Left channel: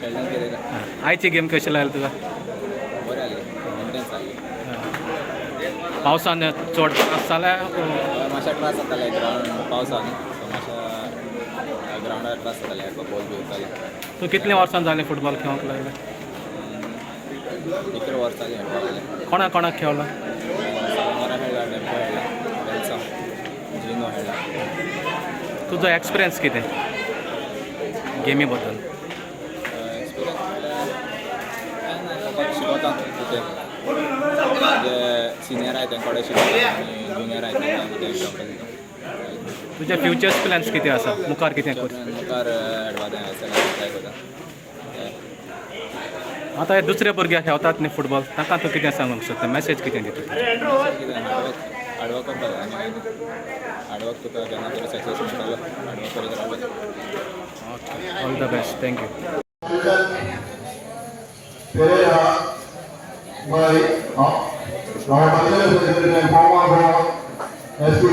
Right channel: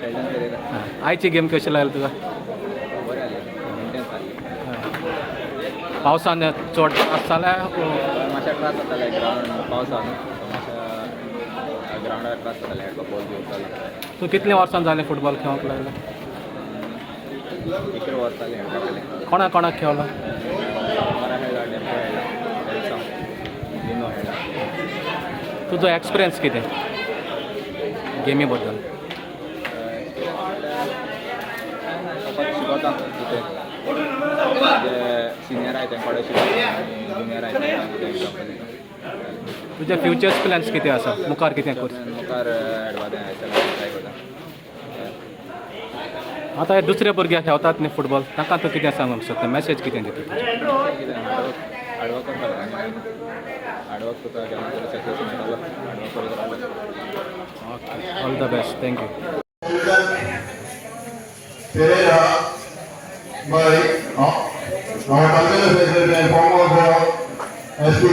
Sheldon Pereira. आयची game कशी लागली तुका? बरें जालें, इंटेन्स जाल्ली. पावसान चड त्रास जाल्या मातशें त्रास जाताले ग्रावंड पावसान, सो मातशें ग्रावंडार त्रास जाताले खेळपाक बॉल बी उरतालो. तूं कितल्या वर्सां जालें फुटबॉल खेळोंक लागलें? 11 वर्सां जालीं खेळपाक लागलें. कोणाक कोणाक खेळलो? सामारा खेळ्ळा, डेंपो खेळ्ळा, वेल्सा, जिनो खेळ्ळा. तुजो एक्सपिरियन्स कितें गेमी बद्दल? एक्सपिरियन्स म्हणल्यार कांय ना, फकत शिकता कितें जे सिनियर आहाय तेंकडे शिकता आनी जुनियर आहाय तांकां कितें एग्जाम्पल दिता. तुजे फ्युचर्स प्लॅन्स कितें आसा? मुखार कितें कर? मुखार खेळपा जाय एसएलाक ट्राय करता. आतां हे दुसरे भुरगे खेळतात न्ही फुटबॉल, तांकां तूं कितें सांगूंक शकता? मॅसेज कितें दिता? कितें हार्डवर्क करपाक जाय आनी हार्डवर्क तुका केन्ना तरी सक्सेस मेळटलो. हार्डवर्क करीत रावपाक. All the best, thank you. Pereira by our President former SP.